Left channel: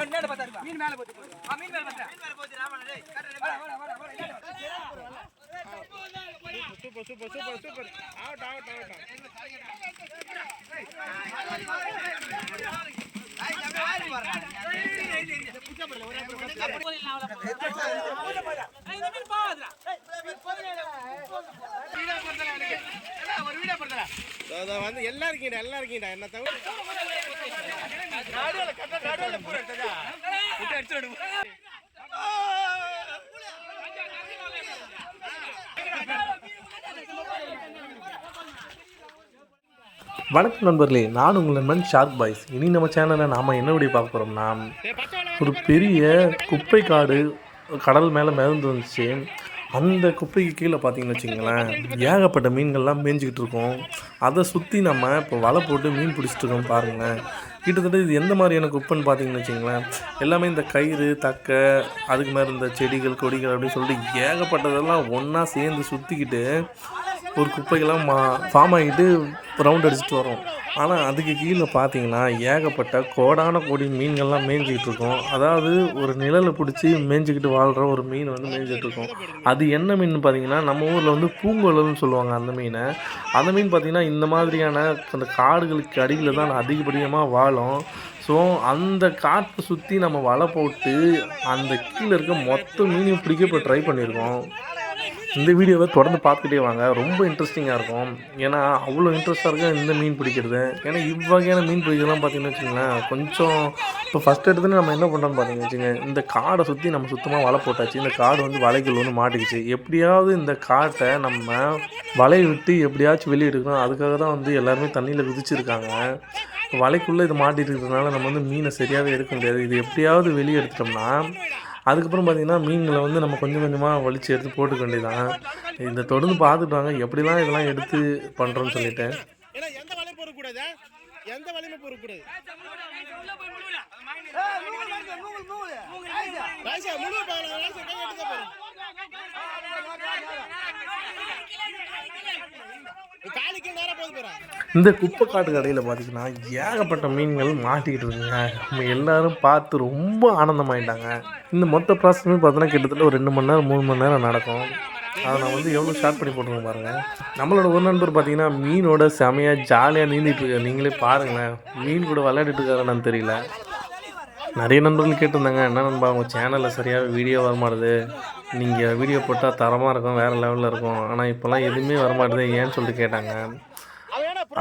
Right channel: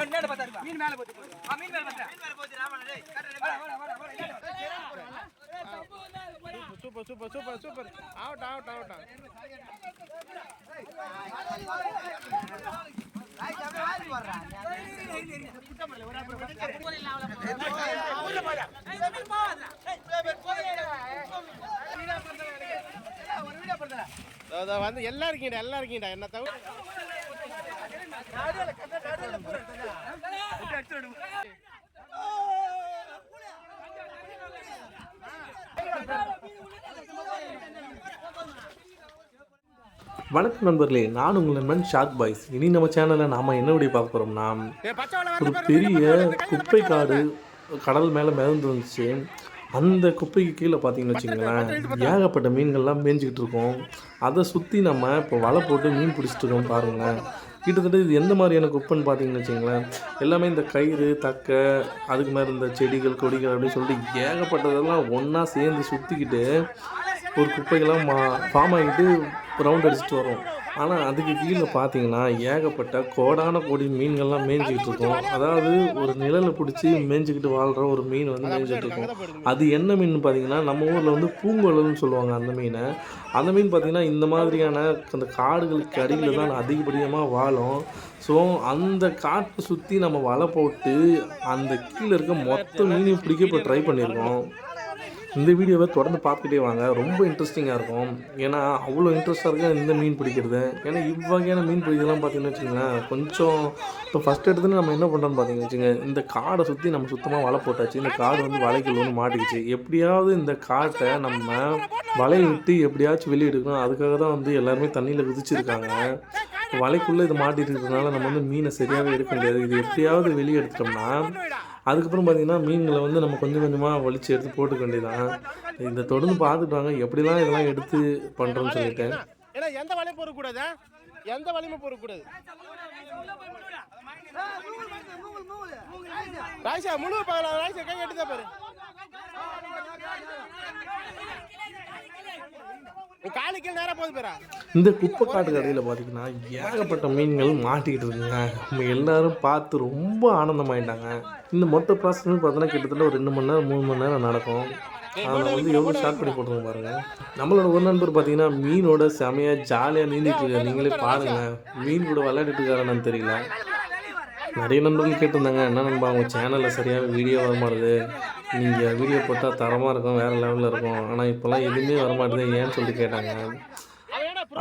மீன் மேல போட்டு ஆ மீன் மேல போட்டு மீன் மேல போட்டு ராமன் டேய். வாடா வாடா வாடா வாடா super super super super. Out out out வந்து எல்லாம் இருக்கீங்கடா என்ன தவிர வணக்கம் நண்பர்களே நான் உங்கள் நண்பன் ஷார்க் பாய்ஸ். இனி நம்ம சேனலில் நாம் என்ன வீடியோ பார்க்க போகிறோம்னா ஒரு பெரிய குப்பை காடு கடல் மேலே மிதந்து வந்துச்சு. அந்த குப்பைக்கு கீழே பார்த்தீங்கன்னு வச்சுங்களேன் ஏகப்பட்ட மீன்கள்லாம் மேய்ஞ்சிக்கிட்டு இருக்கோம். அதை சுற்றி நம்ம இப்போ வலை போட்டு மீன் பிடிச்சிட்டு இருக்கோம் பாருங்களேன். கிட்டத்தட்ட இது எந்த மாதிரியான குப்பைன்னு பார்த்தீங்கன்னு வச்சுங்களேன் எல்லாமே இந்த கயிறு தக்கை அதுக்கு மேலே இந்த செடிகள் கொடிகள் அப்படின்னு சொல்லிட்டு ஏகப்பட்டதெல்லாம் ஒன்றா சேர்ந்து சுற்றிக்கிட்டு ஒரு குப்பைகள்லாம் மா ஃபார்ம் ஆகிட்டு ரவுண்ட் அடிச்சுட்டு வரோம் ஆனால் அதுக்கு கீழே பார்த்தீங்கன்னா ஏகப்பட்ட கோடான கோடி மீன்கள்லாம் மேய்ஞ்சிக்கிட்டு இருக்கும். அதாவது ஒரு நிழலை பிடிச்சி மேய்ஞ்சிக்கிட்டு வாழ்கிற ஒரு மீன் வந்து மேய்ஞ்சிட்டு இருக்கும். அது என்ன மீன் பார்த்தீங்கன்னா நம்ம ஊரில் வந்து பூங்கொழல்னு சொல்லுவாங்க அந்த மீனை. அந்த மீன் பார்த்திங்கன்னா இந்த மாதிரியான அந்த காடுகளுக்கு அடியில் தான் அதிகப்படியமாக வாழும். ஸோ அந்த காட்டை சுற்றி நம்ம வலை போட்டு அந்த கீழே இருக்க மொத்த மீனையும் பிடிக்க இப்போ ட்ரை பண்ணியிருக்கோம். இந்த வீடியோவை தொடர்ந்து பார்த்துக்கிட்டே வாங்க. ரொம்ப இன்ட்ரெஸ்டிங்காக இருக்கும். ஏன்னா அவ்வளோ இன்ட்ரெஸ்ட்டாக இருக்கும் இந்த மீன் பிடிக்கிறது. ஏன்னா இவ்வகையான மீன் பிடிக்கிறதுலாம் பார்த்தீங்கன்னு வச்சுங்களேன் கொஞ்சம் இப்போ ஃபஸ்ட் எடுத்துன்னு நம்ம என்ன பண்ணுறோம்னு பார்த்தீங்கன்னு வச்சுங்க இந்த காடை சுற்றி நம்ம சுத்தமாக வலை போட்டாச்சு. இந்த காடு வந்து வலைக்குள்ள ஒன்று மாட்டிக்கிச்சு. எப்படியாவது இந்த காட்டை நம்ம வலையை விட்டு எப்படியாச்சும் வெளியே எடுக்கணும். அதுக்காக தான் வந்து எல்லாருமே தண்ணியில் குதிச்சிருக்காங்க. வலைக்குள்ளே இது மாட்டிட்டு இருக்கிறதுனால நம்ம வந்து மீனை சரியாகவே எடுக்க முடியாது. இது எப்படியாவது வெளியே எடுத்துட்டோம்னா அதுக்கப்புறம் பார்த்திங்கன்னா மீன்களை வந்து நம்ம கொஞ்சம் கொஞ்சமாக வலிச்சு எடுத்து போட்டுக்க வேண்டியதான் இந்த தொடர்ந்து பார்த்துக்கிட்டாங்க எப்படிலாம் இதெல்லாம் எடுத்து பண்ணுறோன்னு சொல்லிட்டு. ஏன்னா எந்த வலையும் பொறுக்கக்கூடாது எந்த வலையுமே பொறுக்கக்கூடாது ராஜா முழு பார்க்கலாம் ராஜா கை எடுக்க பாரு. இந்த குப்பை காட்டு கடையில் பார்த்தீங்கன்னா ஏகப்பட்ட மீன்கள் மாட்டிக்கிட்டு இருக்குங்க. நம்ம எல்லாரும் பார்த்து ரொம்ப ஆனந்தமாயிட்டாங்க. இந்த மொத்த ப்ராசஸுமே பார்த்தோன்னா கிட்டத்தட்ட ஒரு ரெண்டு மணி நேரம் மூணு மணி நேரம் நடக்கும். அதை நான் வந்து எவ்வளோ ஷார்ட் பண்ணி போட்டுருங்க பாருங்கள் நம்மளோட ஒரு நண்பர் பார்த்தீங்கன்னா மீனோட செமையாக ஜாலியாக நீந்திட்டு இருக்காரு. நீங்களே பாருங்களேன். மீன் கூட விளையாடிட்டு இருக்காருன்னு தெரியல. நிறைய நண்பர்கள் கேட்டிருந்தாங்க. என்ன நண்பா உங்கள் சேனலில் சரியாக வீடியோ வரமாட்டுது நீங்கள் வீடியோ போட்டால் தரமாக இருக்கும் வேறு லெவலில் இருக்கும். ஆனால் இப்போல்லாம் எதுவுமே வரமாட்டேது ஏன்னு சொல்லிட்டு கேட்டாங்க.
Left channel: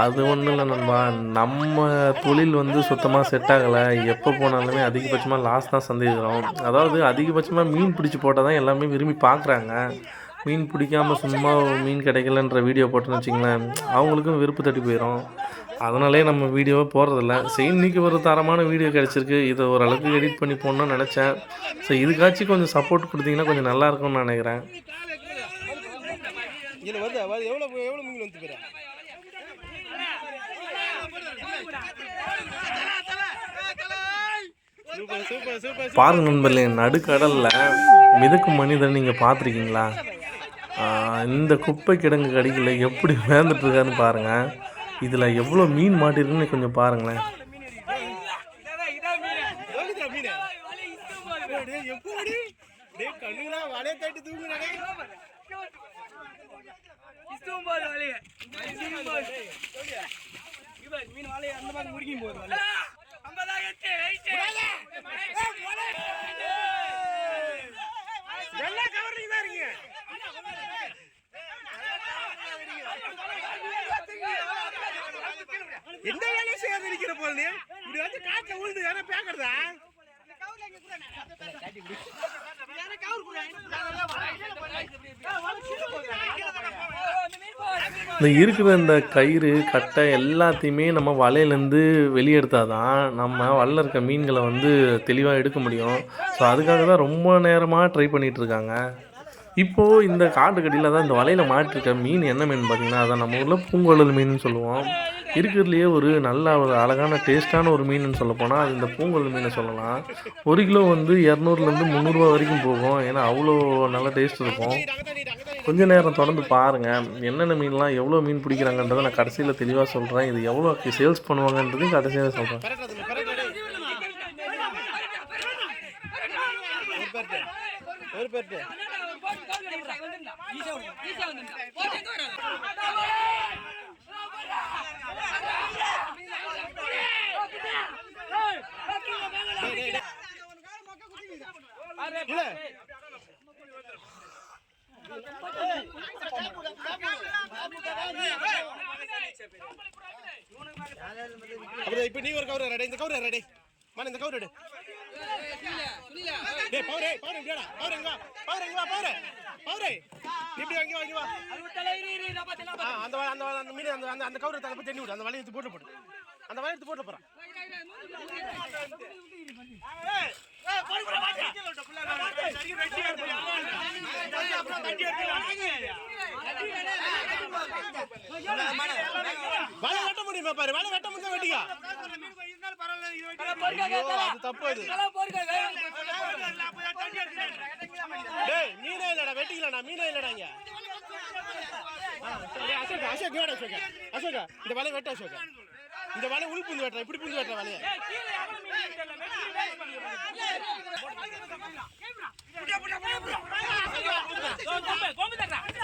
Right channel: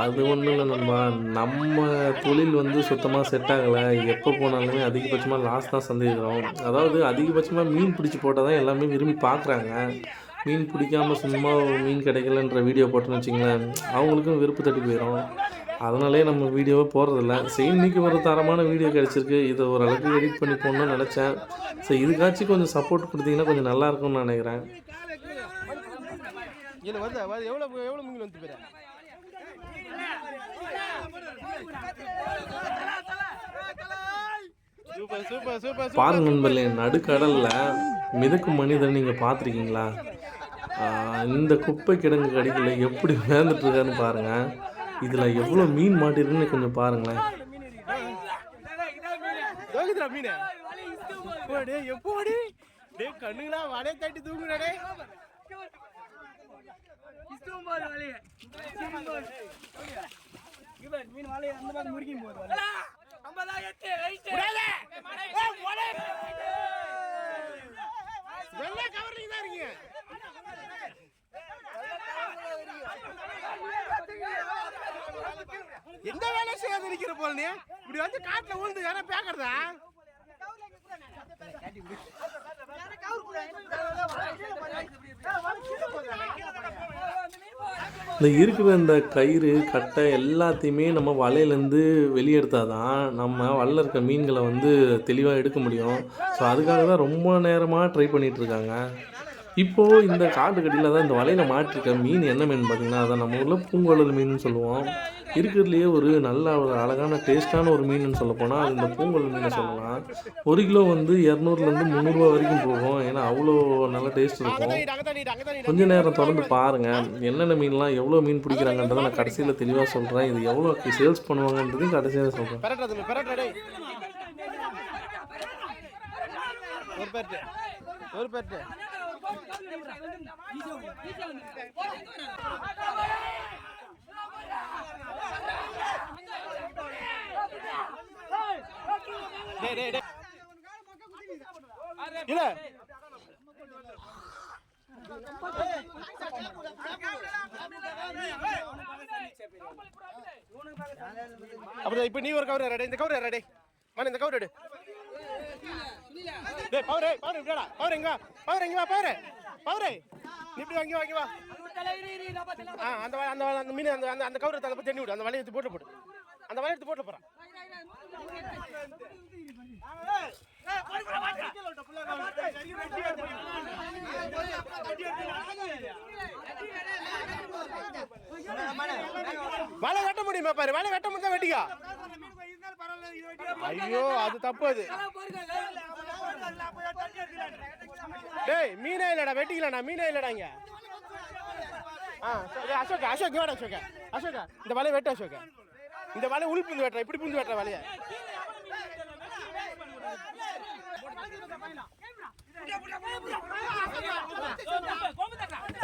அது ஒன்றும் இல்லை நண்பா. நம்ம தொழில் வந்து சுத்தமாக செட் ஆகலை. எப்போ போனாலுமே அதிகபட்சமாக லாஸ் தான் சந்திக்கிறோம் அதாவது அதிகபட்சமாக மீன் பிடிச்சி போட்டால் தான் எல்லாமே விரும்பி பார்க்குறாங்க மீன் பிடிக்காம சும்மா மீன் கிடைக்கலன்ற வீடியோ போட்டோன்னு வச்சிங்களேன் அவங்களுக்கும் விருப்பு தட்டி போயிடும் அதனாலே நம்ம வீடியோவை போடுறதில்ல. சரி இன்னைக்கு ஒரு தரமான வீடியோ கிடச்சிருக்கு. இதை ஓரளவுக்கு எடிட் பண்ணி போடணும்னு நினச்சேன். ஸோ இதுக்காச்சும் கொஞ்சம் சப்போர்ட் கொடுத்தீங்கன்னா கொஞ்சம் நல்லா இருக்கும்னு நினைக்கிறேன். இதில் வருதா? எவ்வளோ வந்து பாருங்க நண்பர்களே நடுக்கடலில் மிதக்கும் மனிதன் நீங்கள் பார்த்துருக்கீங்களா? இந்த குப்பை கிடங்கு கடிக்கல எப்படி வேந்துட்டு இருக்கான்னு பாருங்கள் இதில் எவ்வளோ மீன் மாட்டிருக்குன்னு கொஞ்சம் பாருங்களேன் தோகுதுடா மீன் எப்போடி டேய் கண்ணுங்களா கட்டி அந்த கவர்லிங் தான் இருக்கீங்க எந்த வேலை செய்யாத இருக்கிற போல நீ? இப்படி வந்து காட்டுல விழுந்து யாரா பேக்கறதா? இந்த இருக்கிற இந்த கயிறு கட்டை எல்லாத்தையுமே நம்ம வலையிலேருந்து வெளியெடுத்தால் தான் நம்ம வலையில் இருக்க மீன்களை வந்து தெளிவாக எடுக்க முடியும். ஸோ அதுக்காக தான் ரொம்ப நேரமாக ட்ரை பண்ணிகிட்டு இருக்காங்க. இப்போது இந்த காட்டுக்கடியில் தான் இந்த வலையில் மாட்டிருக்க மீன் என்ன மீன் பார்த்தீங்கன்னா அதான் நம்ம ஊரில் பூங்குழல் மீன் சொல்லுவோம். இருக்கிறதுலையே ஒரு நல்ல ஒரு அழகான டேஸ்ட்டான ஒரு மீன் சொல்ல போனால் அது இந்த பூங்குழல் மீனை சொல்லலாம். ஒரு கிலோ வந்து இரநூறுலேருந்து முந்நூறுரூவா வரைக்கும் போகும். ஏன்னா அவ்வளோ நல்ல டேஸ்ட் இருக்கும். கொஞ்சம் கொஞ்ச நேரம் தொடர்ந்து பாருங்கள் என்னென்ன மீன்லாம் எவ்வளோ மீன் பிடிக்கிறாங்கன்றதை நான் கடைசியில் தெளிவாக சொல்கிறேன் இது எவ்வளோ சேல்ஸ் பண்ணுவாங்கன்றதையும் கடைசியாக சொல்கிறேன் ஒரு பேர்ட்டு ஒரு பேர்ட்டு. இல்ல அப்படியே இப்ப நீ ஒரு கவர் ரெடி இந்த கவர் ரெடி. மன இந்த கவர் எடு டேய் பவரே பவரே இப்படிடா பவர் எங்க பவர் எங்க வா பவர். பவரே நீ இப்படி வாங்கி வாங்கி வா. அந்த அந்த அந்த மீன் அந்த அந்த அந்த கவர் தள்ளி தண்ணி விடு. அந்த வலையை எடுத்து போட்டு போடு. அந்த வலையை எடுத்து போட்டு போறேன் வலை வெட்ட முடியுமா பாரு? வலை வெட்ட முடிஞ்சா வெட்டிக்கா. ஐயோ அது தப்பு அது டேய் மீனே இல்லடா வெட்டிக்கலடா மீனே இல்லடா இங்க. ஆ சரி அசோக் அசோக் இங்க இந்த வலையை வெட்ட அசோக். இந்த வலை உள் புந்து வெட்டுற இப்படி புந்து வெட்டுற வலையை.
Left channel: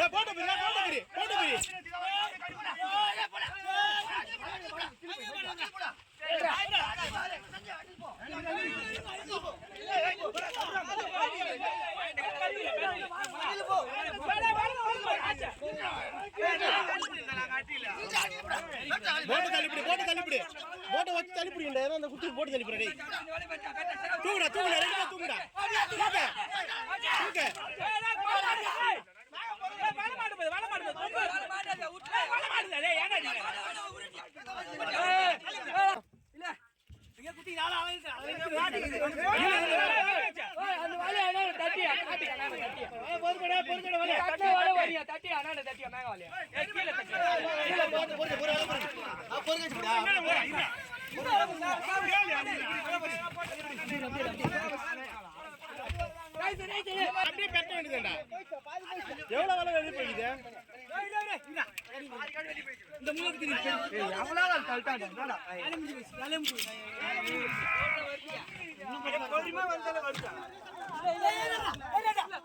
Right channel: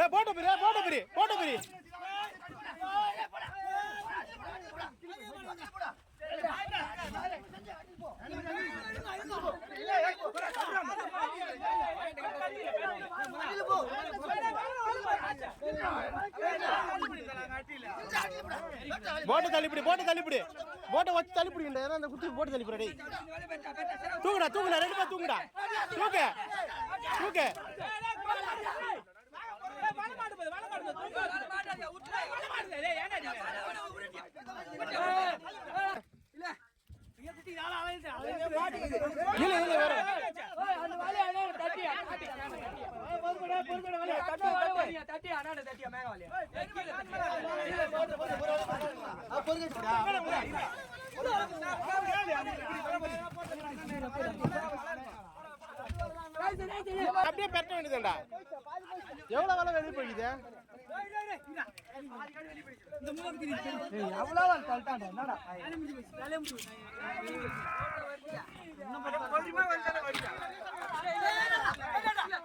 போட்டு பிரி போட்டு பிரி போட்டு பிரி போட்டு தள்ளிப்பிடி போட்டு தள்ளிப்பிடி போட்டை வச்சு தள்ளிப்பிடிங்க ஏன்னா அந்த குட்டி போட்டு தள்ளிப்பிடி டேய். தூங்குடா தூங்குடா ரெண்டு பேர் தூங்குடா. தூக்கு தூக்கு. இல்ல இல்ல வர அப்படியே பெட்ட வேண்டியதுடா எவ்வளவு வேலை வெளியே போகுது ஏய்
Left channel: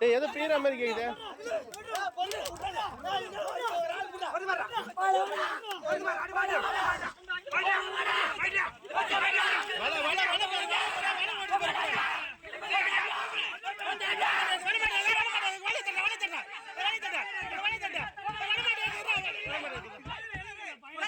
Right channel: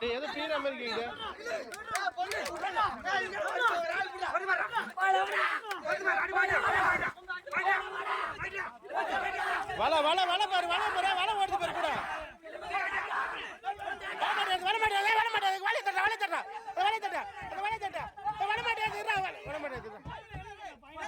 எது பீற மாதிரி கேக்குது வல வல பாரு வல பாரு வல ஓடுது பாரு கூட. வல மாட்டேன் வல மாட்டேன் வல தட்ட வல தட்ட வல மாட்டேன் மாட்டேன்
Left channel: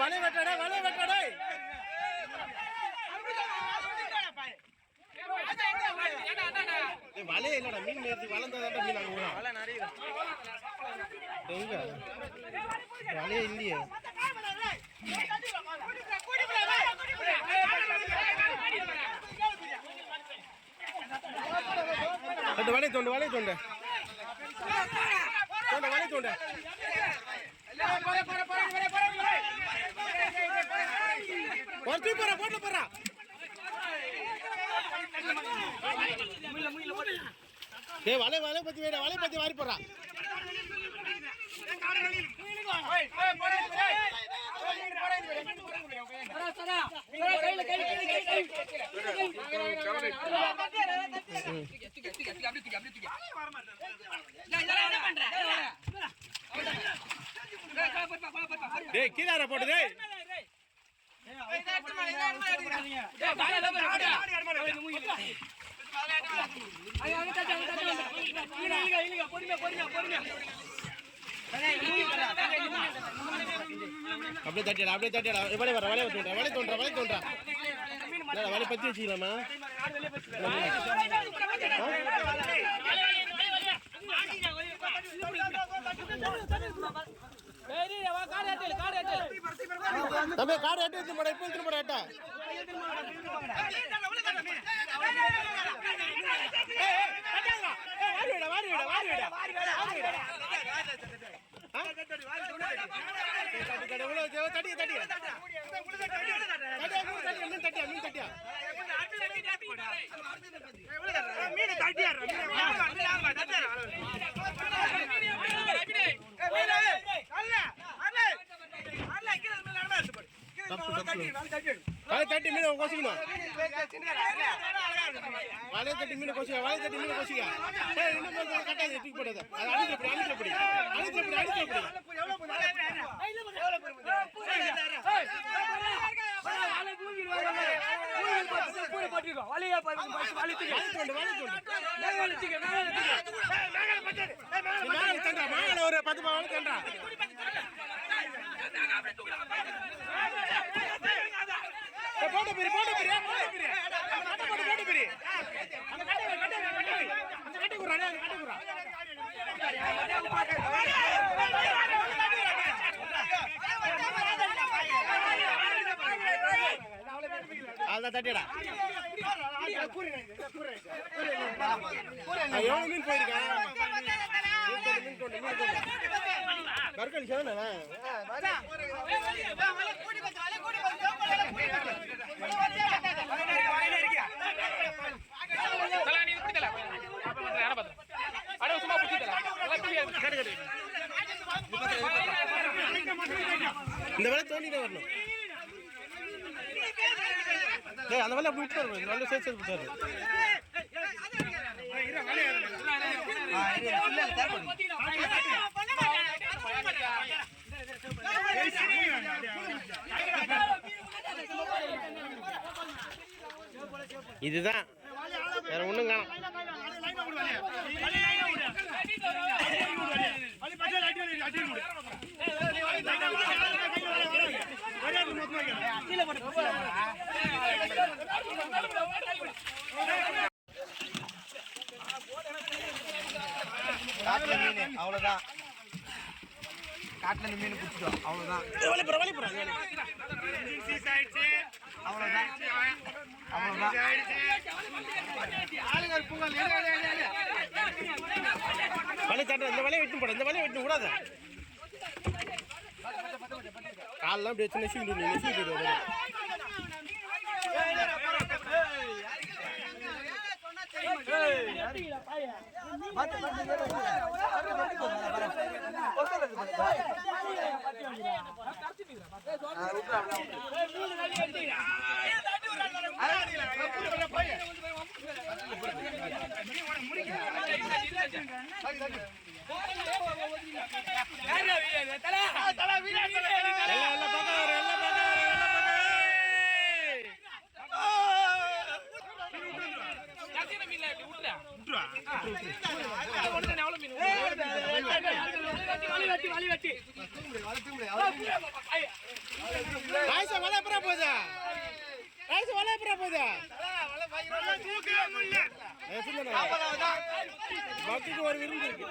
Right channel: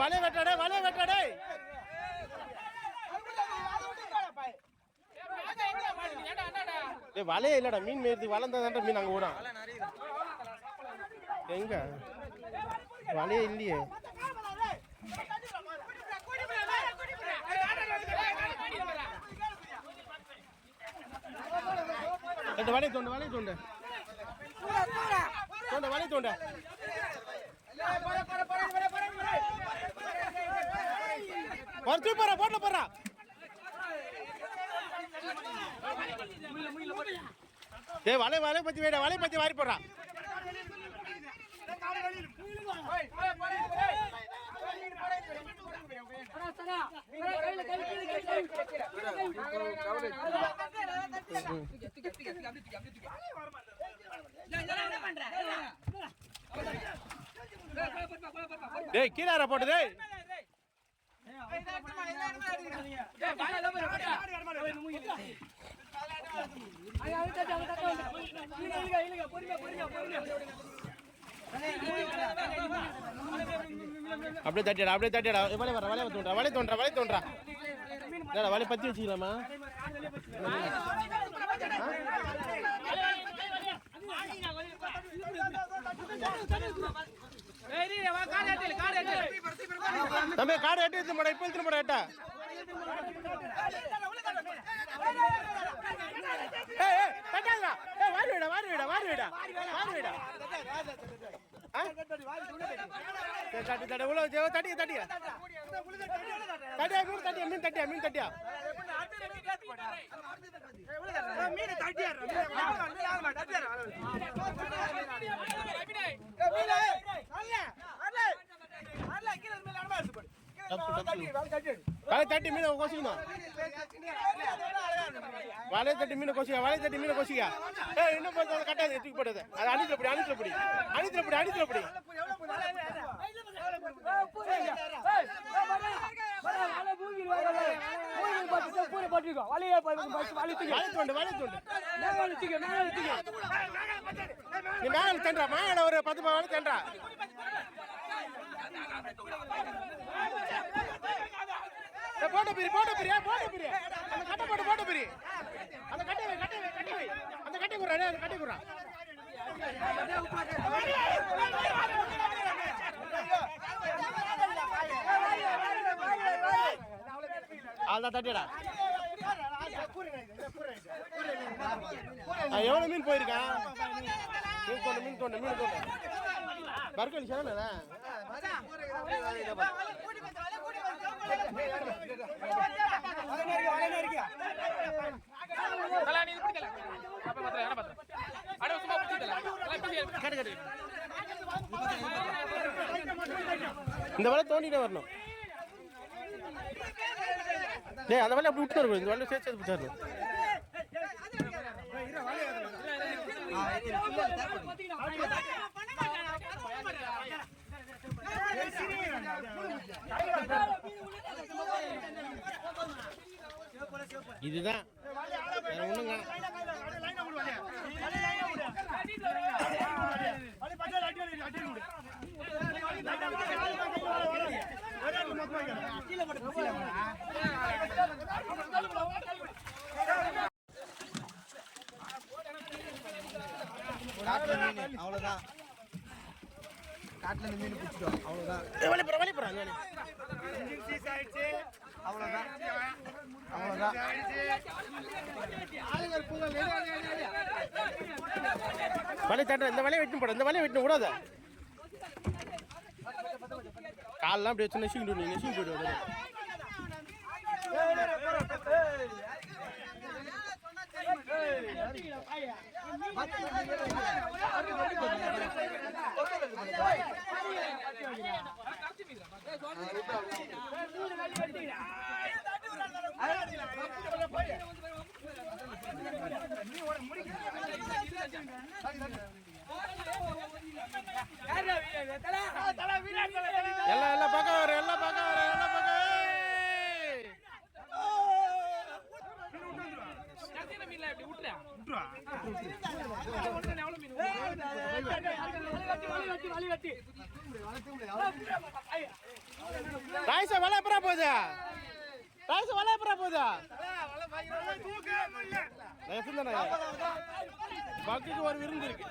வல வெட்டடே வலைய வெட்டடே வலைய இல்லடா மீன் மேய்த்து வளர்ந்ததாண்டா மீன் அங்க ஓடும். எங்க வலைய இல்லையே. வலைய தோண்டு வலைய தோண்டு. தோண்ட வலைய தோண்ட. ஒரு போற போட்ல போறா டேய் வலை வலை பத்தி வேட வலை பத்தி வாரி போறா டேய் கீழார போட்டு டேய். அப்படியே தட்டிடா அப்படியே தட்டிடா. வலை வர வலை தோன்றா வலை தோன்றா வலை தோன்றா வலை பத்தி வச்சுக்கலாமா? தம்பி காடு எட்டு எடுத்து போட இப்போ எடுத்து போட எட்டா. தட்டி தட்டி உள்ள தட்டியா தட்டியா தட்டியா மீன் தட்டியா மீன் தட்டியா மீன் தட்டியா மீன் தட்டியா மீன் தட்டியா வலை தட்டி மீனை கொசிக்கணும். வலை தட்டி மீனை கொசிக்க வலை தட்டி மீனை கொசிக்க. ஏய் இன்னும் கொஞ்சம் கட்டாது தூக்கி போடுது அது அணித்துல பிடி அணித்துல பிடி. அணித்துல பிடி அணித்துல பிடி. தண்டா ஒரு பத்து மேலே தண்டா போட்ட பிரி போட்ட பிரி போட்ட பிரி. அந்த கட்டை போட்டு போட்ட பிரி. அந்த கட்டை கட்டை கட்டை. அந்த கட்டை குறா அந்த கட்டை குறா அதான் தட்டியடா. மீன் போயிருக்கான் மீன் கொண்டு மீன் கொண்டு மீன் கொண்டு. கட்டு கட்டு இந்த வேலை தோண்டிதான் வரணும். டேய் அந்த வேலை அப்படி விட்டு இருக்கும் இந்த வேலை சேர்த்து சேர்த்து விட்டாரு இதுதான். வேற ஒண்ணும் காணும். அவ்வளவுதான். காட்டுல மீன் பிடிச்சிட்டோம் அவ்வளவுதான் வழி. அவ்வளவுதான். வலை தட்ட இந்த வலையை வெட்டு போட இந்த வலையை வெட்டு கூடாது. கால்லாம் அப்படி வச்சு நெசிக்கிட்டு நீ நெசிக்கிட்டு வருவாரு. எல்லாம் எல்லாம் பக்கம் வரும் எல்லாம் பக்கம் வரும் எல்லாம் பக்கம் ராய்சா வலை எப்பரா போகுது ராய்சா வலை எப்பரா ஒரு விருந்து இருக்கு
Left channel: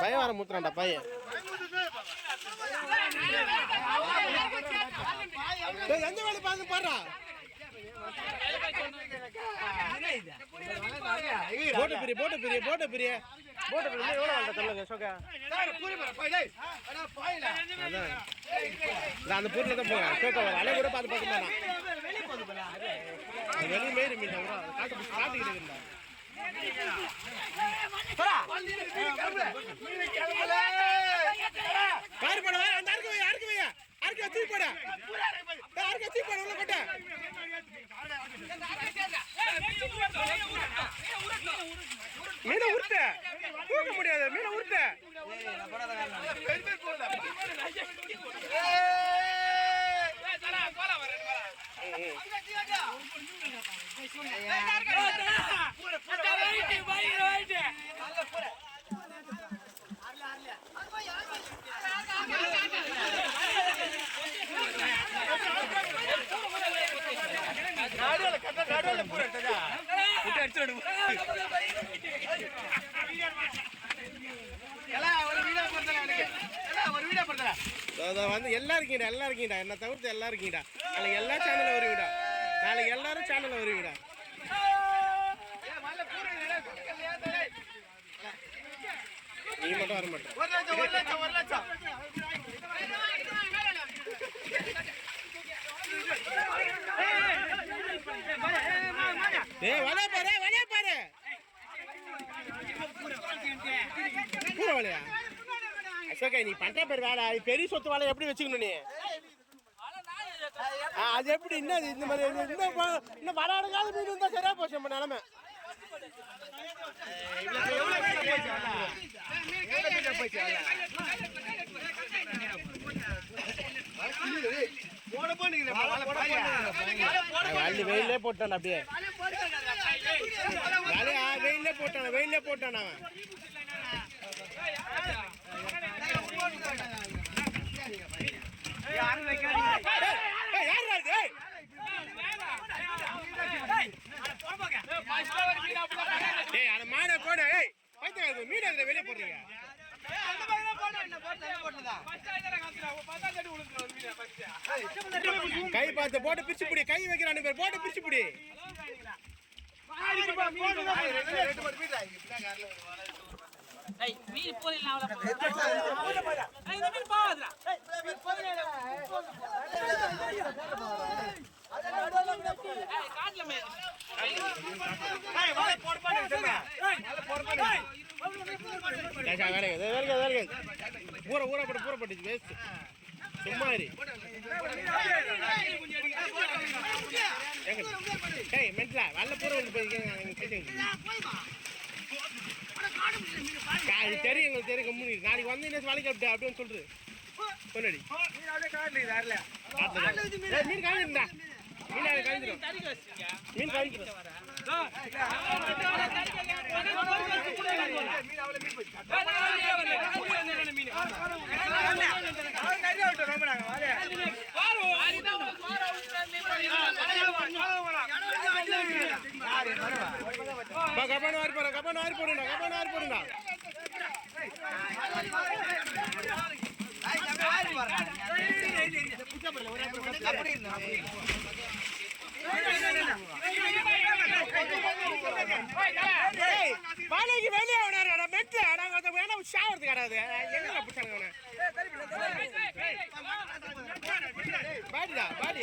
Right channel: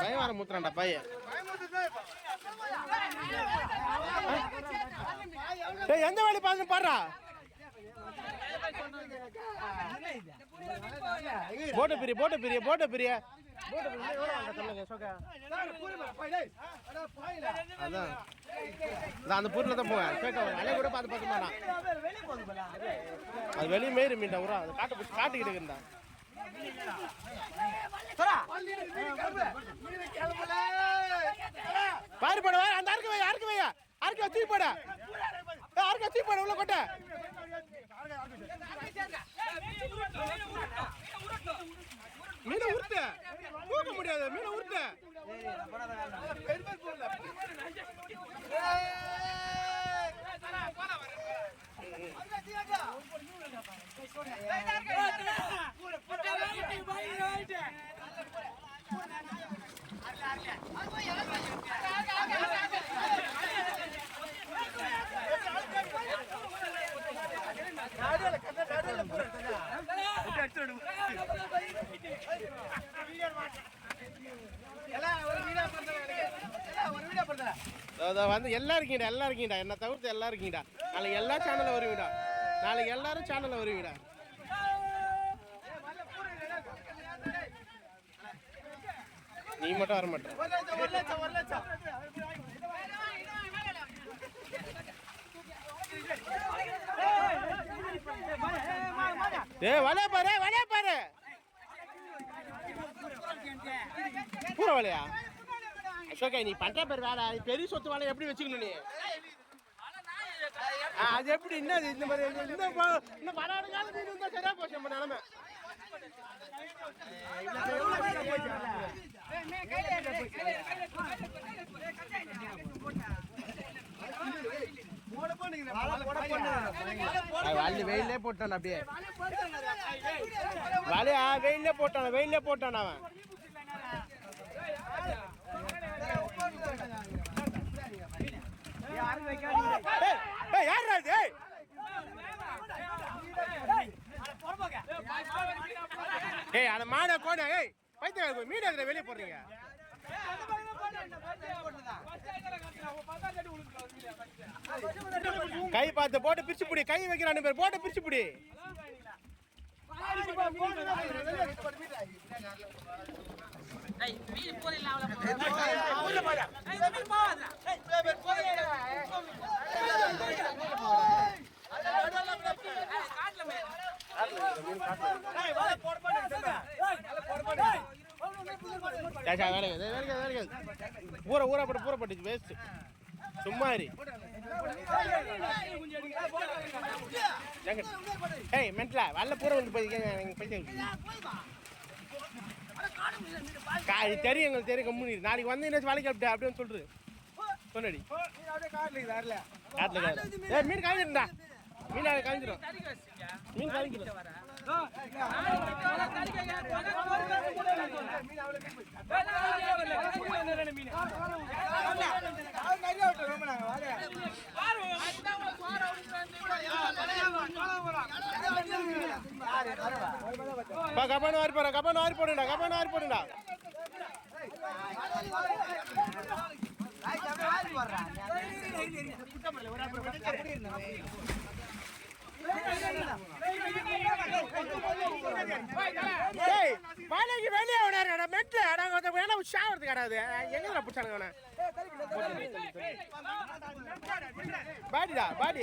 பயம் வர முத்துறான்டா பையன். எந்த வேலை பார்த்து பாடுறா? போட்ட பெரிய போட்ட பெரிய போட்ட பெரிய. போட்ட பெரிய. எவ்வளோ சொல்லுங்க சோகா அதான். நான் அந்த பொருளை தான் போவேன் சோகா அலை கூட பார்த்து பார்த்து அது வெளியே மேயிரு மீன் தான் காட்டு காட்டுக்கிட்டு இருந்தா பாரு போட வாரு அந்த அறுக்க வையா அறுக்க வையா அறுக்க வச்சு போட ஏய், வச்சு போட உள்ள கொட்ட மீனை உருட்டு தூக்க முடியாது மீனை உருட்டு அதோ வந்து எல்லாருக்கீங்கடா எல்லாம் என்ன தவிர்த்து எல்லாம் இருக்கீங்கடா நாளைக்கு எல்லா சேனல்ல வருவீங்கடா நாளைக்கு எல்லாரும் சேனல்ல வருவீங்கடா நீ மட்டும் வர மாட்டேன் ஏ வலைய பாரு வலைய பாரு. பூர வலையா? அசோகா நீ பண்ற பேர் வேற. பெரிய சொத்து வலை எப்படி வச்சுக்கணும் நீ? அது எப்படி என்னது? இந்த மாதிரி இன்னும் இன்னும் வர அடங்காத மீன் இருந்தா சரியா போச்சு நம்ம நிலமை. வள்ளி வெயிலே போட்டான் அப்படியே. வலையா வெயிலே போட்டான வெயிலே போட்டான் அவன். ஏய், ஏய், யாருடா இது? ஏய். ஏய் அந்த மாட கோடை ஏய். பைத்தியம் மீன் இருக்கிற வெளியே போடுறீங்க. கை பார்த்து போட்டு பிரிச்சு பிடி. கை வைக்கிறானு பேர் போட்டு பிரிச்சு பிடி. கேஷா வேலைங்க இது வேலைங்க இது வேலைங்க ஊற ஊற போட்டு பூர போட்டுச்சு வேஸ்ட் சும்மா இரு. ஏய் மென்ட்லா வல்ல பூர வந்து போய் தெரியும் எங்களுக்கு தெரியும் கம்முனி. நாளைக்கு வந்து என்ன வேலைக்கு அப்படி அப்படின்னு சொல்றது சொன்னடி. காட்டுல மீன் காய்ஞ்சிருந்தா. மீன் காய்ஞ்சிரும். மீன் காய்ஞ்சிரும். கபான வாரி போறா கபான வாரி போடுடா கபான வாரி போடுடா இருந்தா மலைக்கு வெளியே விடாரு மெட்ல நாங்க வந்து வேணா ஷாவறது கிடையாது எங்க புடிச்சானுங்க அவனை பாடிடா பாடி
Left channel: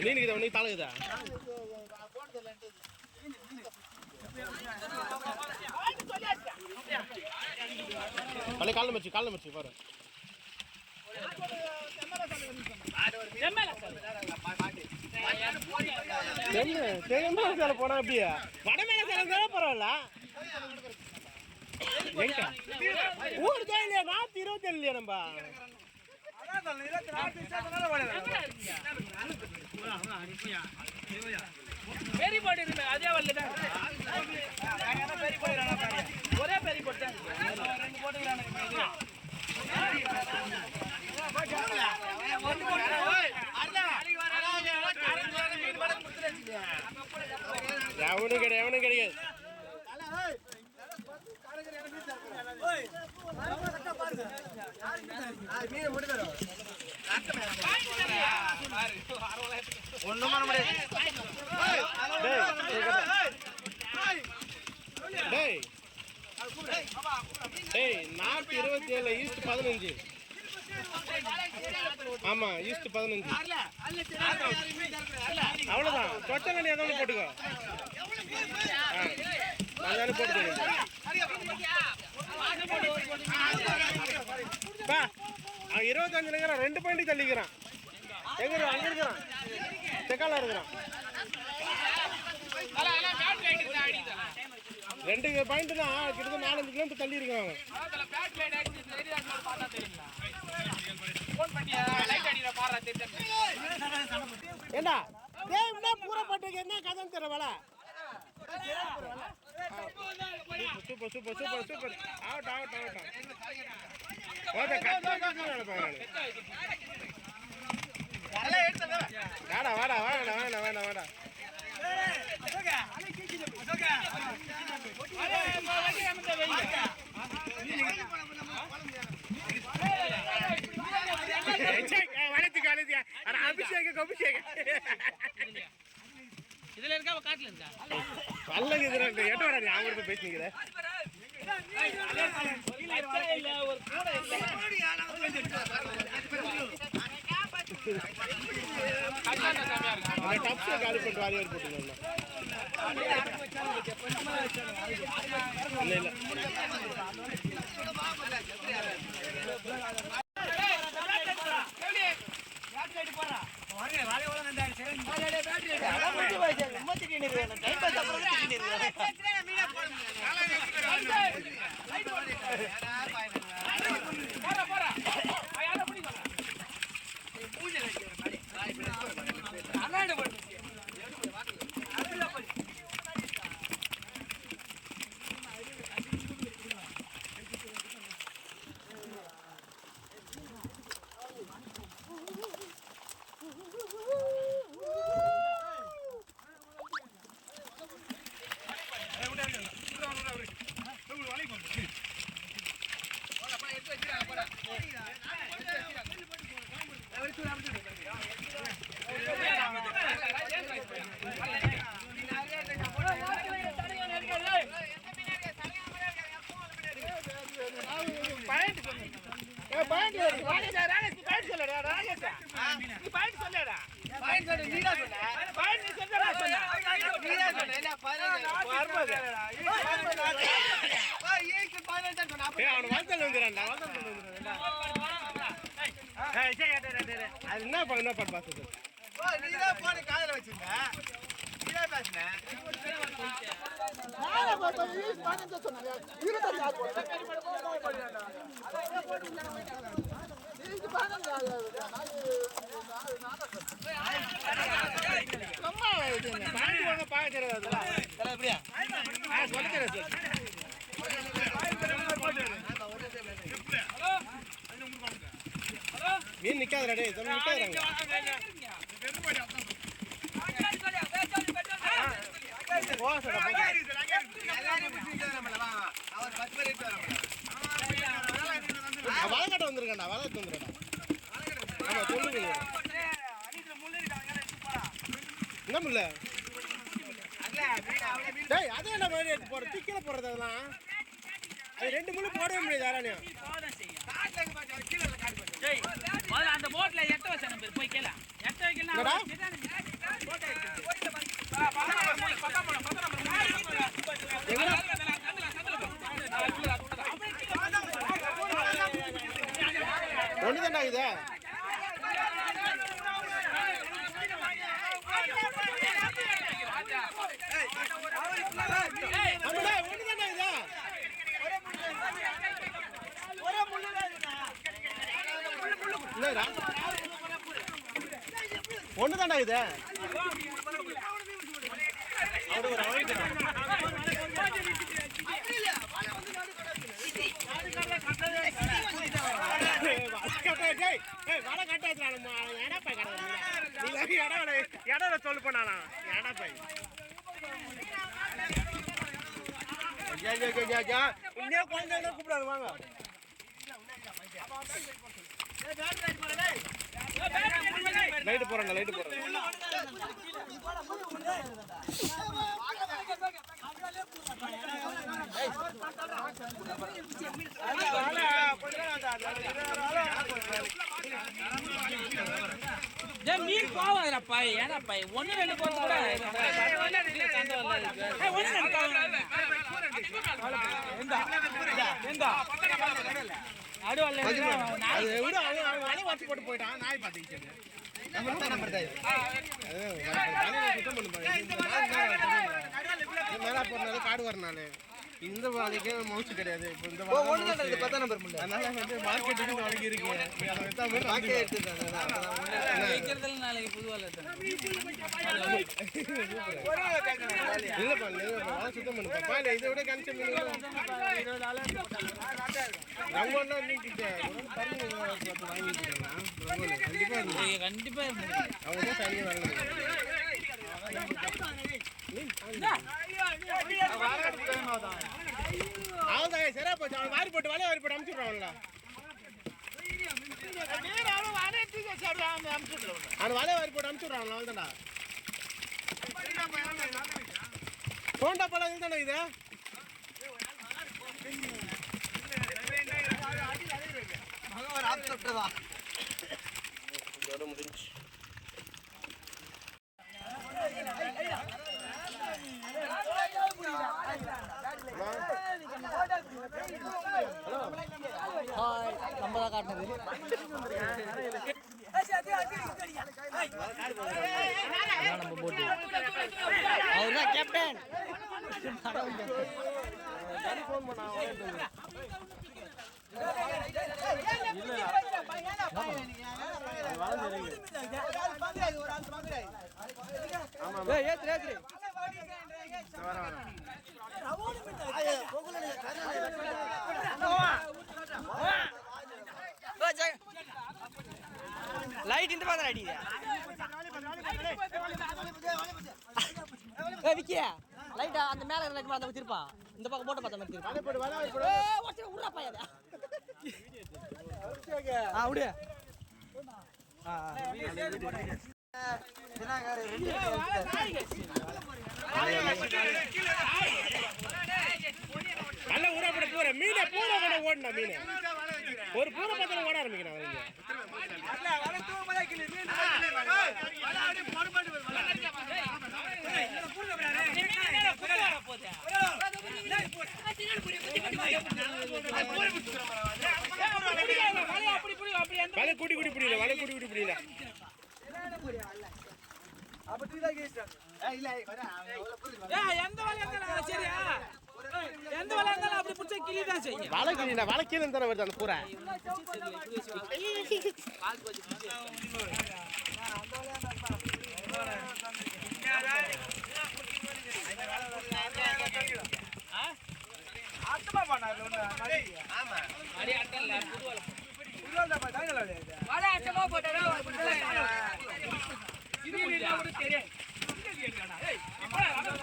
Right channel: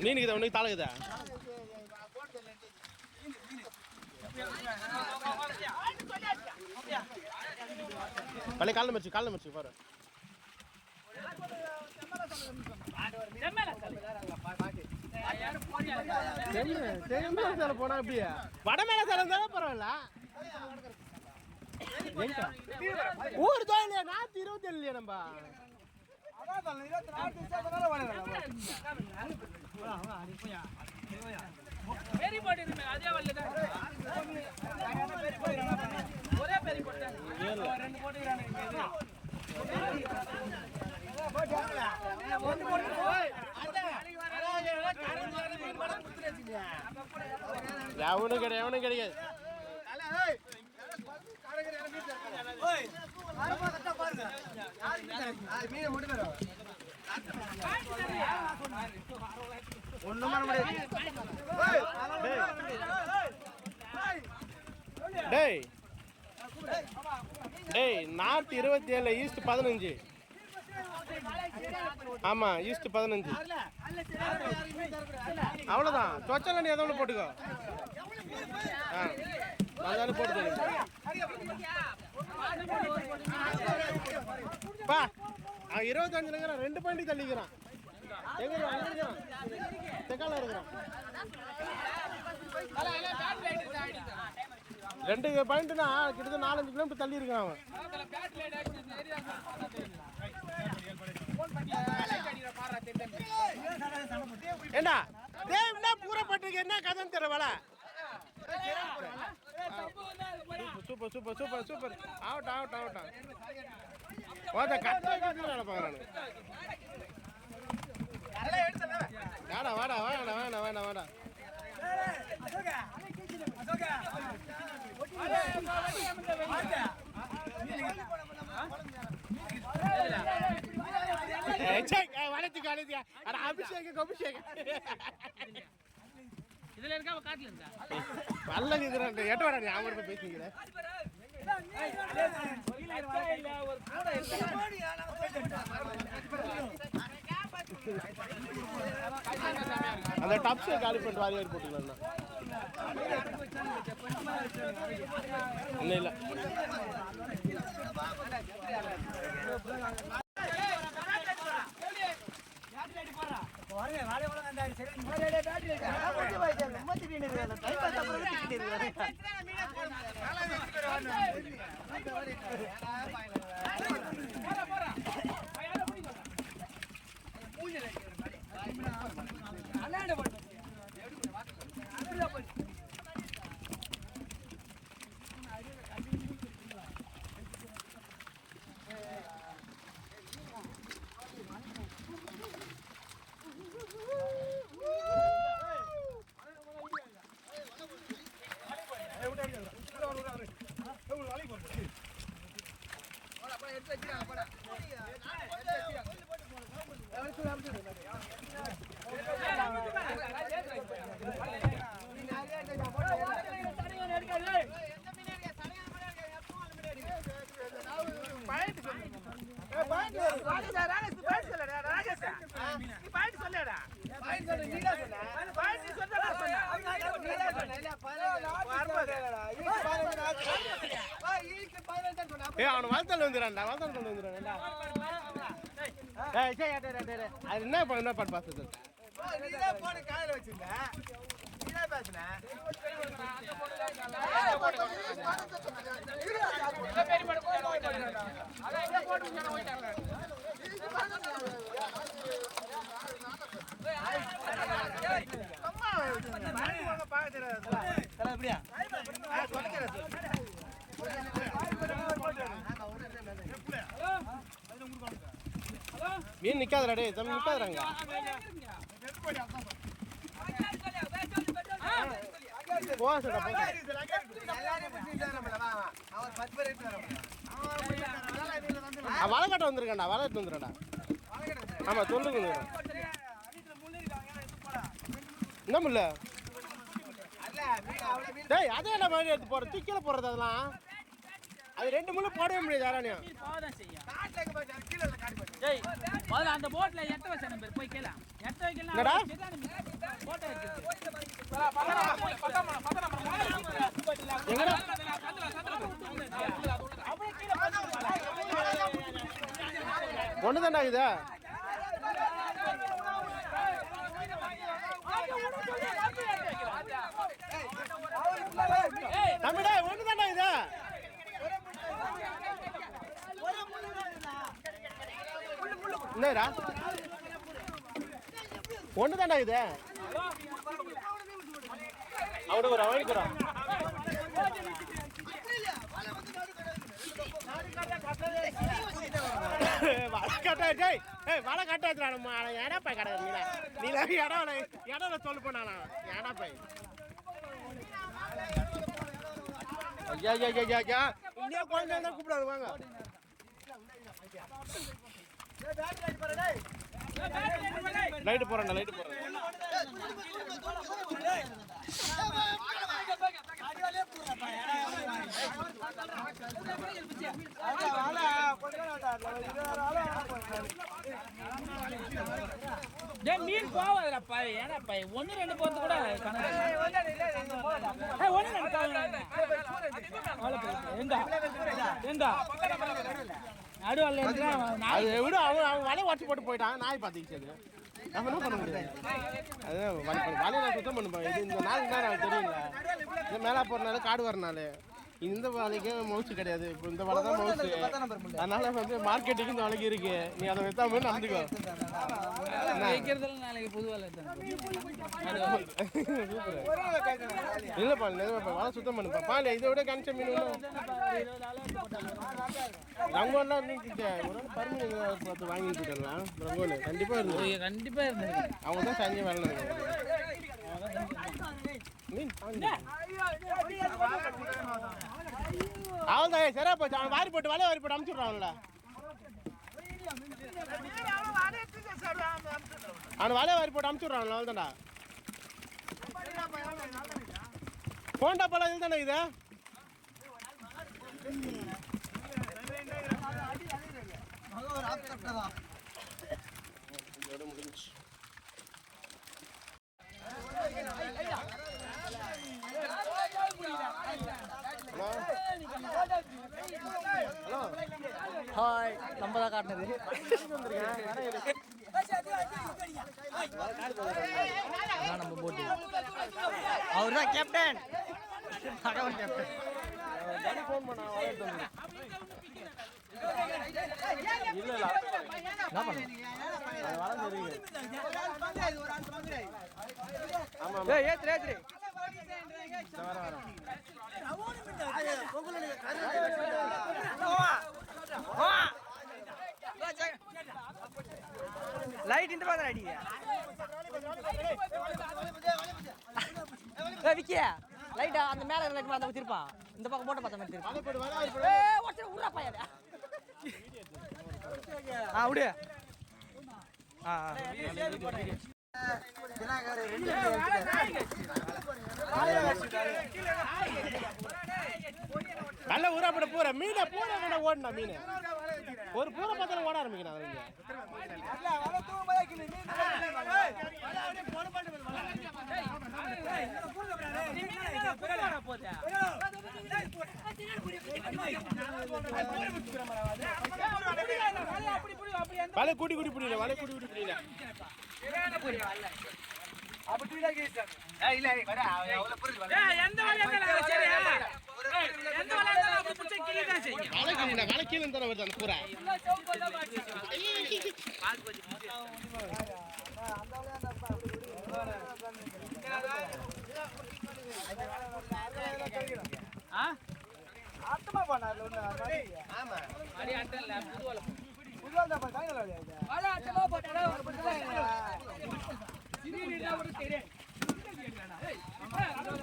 மீனுக்கு இதை ஒன்று தாளுக்குதா? பழைய காலில் மச்சு காலில் மச்சு பாரு. தென்னை சேலை போனா அப்படியே. வட சேலை இருந்தாலும் பரவாயில்ல. எங்க? ஊர் தான் இல்லையா நாத்து இருபத்தி இல்லையா நம்ம? எவனும் கிடையாது எவனும் கிடையாது மீன் மட்டும் ஒண்ணும் பண்ண முடியாது. டேய். டேய். நார்த் இருபத்தி ஏழு ஈஸ்ட் பதினஞ்சு. ஆமா ஈஸ்ட் பதினஞ்சு. அவ்வளோதான் தொட்டல் நீ ஏதோ ஒன்று போட்டுக்கோ. ஆ அதானே போட்டுக்கோ பா. அவன் இருபத்தஞ்சுலங்கிறான் ரெண்டு பாயிண்ட் தள்ளிக்கிறான் எங்க அங்க இருக்கிறான் செக்கால இருக்கிறான் ரெண்டு பாயிண்ட்னா கிட்டத்தட்ட நாலஞ்சு கிலோமீட்டர் தள்ளி இருக்கான் அவன் அதுல ஏண்டா பூரா பட்டிருக்கு என்ன கதைன்னு தெரியல சூப்பர் சூப்பர் சூப்பர் சூப்பர் ஆகட்டும் ஆகட்டும் ஆகட்டும் வாடா வாடா வாடா வேணா வேணா வேணா வளர்த்து காலேஜ் அட அபிஷேகம் அபிஷேகம் இதுல இருக்க காட்டுல இருந்தா பல்லக்கு இதுல எட்ட வரா நீ அவங்கள்ட்ட பேசிக்கிற அந்த டப்ஸை காலி பண்ணிட்டு வாரி வாரி போட்டுக்கலாம் இல்லை இல்லை. பேட்டரி போறா யாரோ பிடி அண்ணாண்ட போடு ஏ அவனை வாழ்த்தல் வந்துடுறான்டா வாழ்த்தல் கொண்டு வந்துடுறான்டா ஏய் சே டே டே டே அது என்ன பண்ண என்ன மீன் நிக்காதடா டேய் தம்பி நிக்காதறாங்க போ வந்துருக்கண்டா போ வளகட்ட வந்திருக்கேன்டா வந்துடுறா ஆமா சொல்லு என்ன முல்ல டேய் அதே என்ன மாதிரி எடுத்து போற டிக்கில போடுறது அதெல்லாம்? அது ரெண்டு முள்ளு போடவே முடியாது யாராலையும். அந்த போட்ல எட்ட வச்ச நம்பர் போய் கேள. எட்ட இது நம்மடா ஒன்று தானே இது இல்லைடா. ஒன்று இது. அவரு ஒரு அவனுக்குறான் வலை கட்டாச்சுடா நம்ம எடப்பா கடை நீல இடம் இடம் சொல்லு பண்ணானா எடப்பை ஐயா ஐயா ஐயா ஐயா. இன்னே குழந்தை கூப்பிடாது வாங்க. லைட்டு போறேன்டா லைட்டு போறேன் டேய் மீன் போவாதடா பாய் ஏடா பாய் ஒண்ணு ரெண்டு போறது கூட ஒண்ணு ரெண்டு அது விட அவன் அவன் வலை வாட்சி போட்டு போயிட்டான். நாய் பார்த்துக்கிச்சு நம்ம என்ன பண்ண முடியாது? அது வலை வலையை சுத்தம் பண்ண இந்த நாள் இந்த மேலே போகிறனால காடு வரனால இந்த வலைக்கு மவுசு கிடையாது. இப்போ இந்த வலை தான் மவுசு. அதனால வந்து மார்க்கெட்டுக்கு இந்த வலைக்கு இருக்கு. நீ அதை வைத்தா போய் பொதுவாக இல்லைப்பா இல்லைப்பா. வலை சுத்தம் பண்ணுப்பா பால் இதை விட கணிச்ச மீன் ரங்கோல்லாம் நீக்கிட்ட பருமி பார்த்து வாங்கிட்டு இருக்கலாம். ரங்கோல் கண்டிப்பாக இருக்கு கண்டிப்பாக இருந்தது அவங்க தான் சரியாக வரல மீன் அவன்தான் சரியா போச்சு. அவன் வாரி போட்டு வலைய வாரி போட்டு அமுச்சுடுறான்ல அவன் வலைய வாரி போட்டு அமுச்சுடுறான்ல அவள்தான்டா போண்டா பழம் இதுதானே இது? இதோட முடிஞ்சு ஹாய் நம்ம தான் காட்டினது நம்ம போட்டு. அவர் தான் கேப்டன் பகவன் கேப்டன் ஏத்துரு ஏத்துரு லைட் இந்த பாத்திரம் அடிக்குது. விக்கியா. லைட்டா அந்த மேல லைட் அந்த திருப்பான் இந்த பக்கம் போட்ட பார்த்த மாதிரி திருப்பான் உறா பையது ஆ விடு ஆ. நல்ல ஊராப்பட பூர மீனை பூரா கூட ஓடணும் மீன் ஒரு பூர பார்த்தாலும் ஓட ஆரம்பிக்கிறான் அவங்க வலை கூட்டி கூட்டி பிடிக்கல வலை கூட்டி கூட்டி பிடிக்கல வலை கிளீனா வலை கீழே தானே வருது அந்த பூரை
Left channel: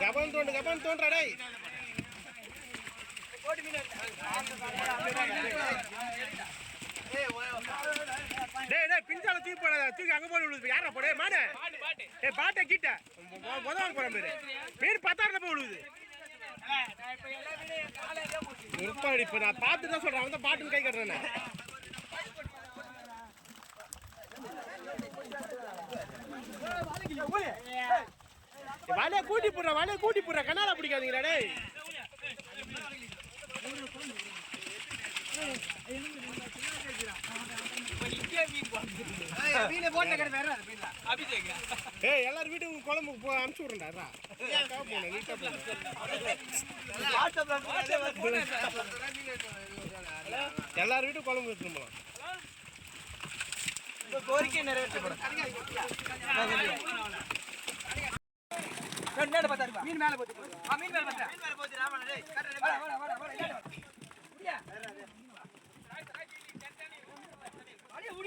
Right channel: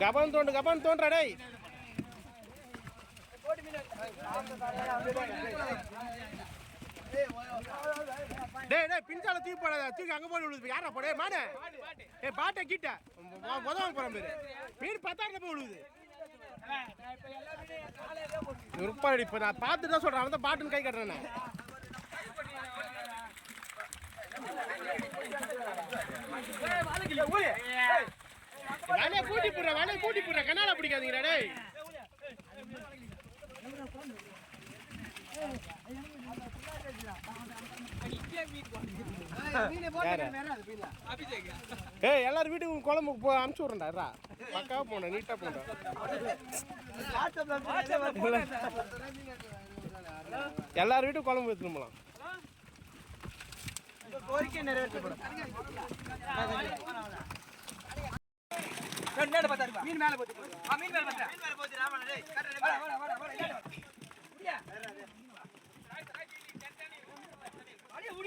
கபன் தோண்டு கபன் தோன்றா டேய். டேய் டேய் பிஞ்சால தூக்கி போடாத தூக்கி அங்க போய் விழுது. யாரா போடே? மாட ஏய் பாட்டை கிட்ட. உதவாங்க போறேன் பேரு. மீன் பத்தாயிரம் போய் விழுது. இருப்பாடி இப்ப நான் பார்த்து தான் சொல்றேன். அவன் பாட்டுன்னு கை கட்டுறேன். வலைய கூட்டி போடுற வலைய கூட்டி போடுற. கனால பிடிக்காதீங்கடா டேய். ஏய் எல்லாரும் வீட்டுக்கு குழம்பு போ அனுப்பிச்சு விட்றேன்டா அக்கா போனேன் நீட்டா போனேன் எல்லார் வீட்டுக்கு குழம்பு எடுத்துட்டு போலாம். மீன் மீன் மேல போச்சு மீன் மேல போச்சு ராமன்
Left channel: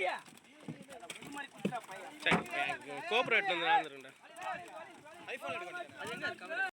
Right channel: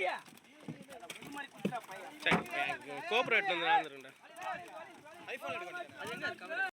டேய் வாடா வாடா வாடா வாடா முடியா அடியே முடியா கோபுரம் எடுத்து வந்து ஐஃபோன் எடுக்க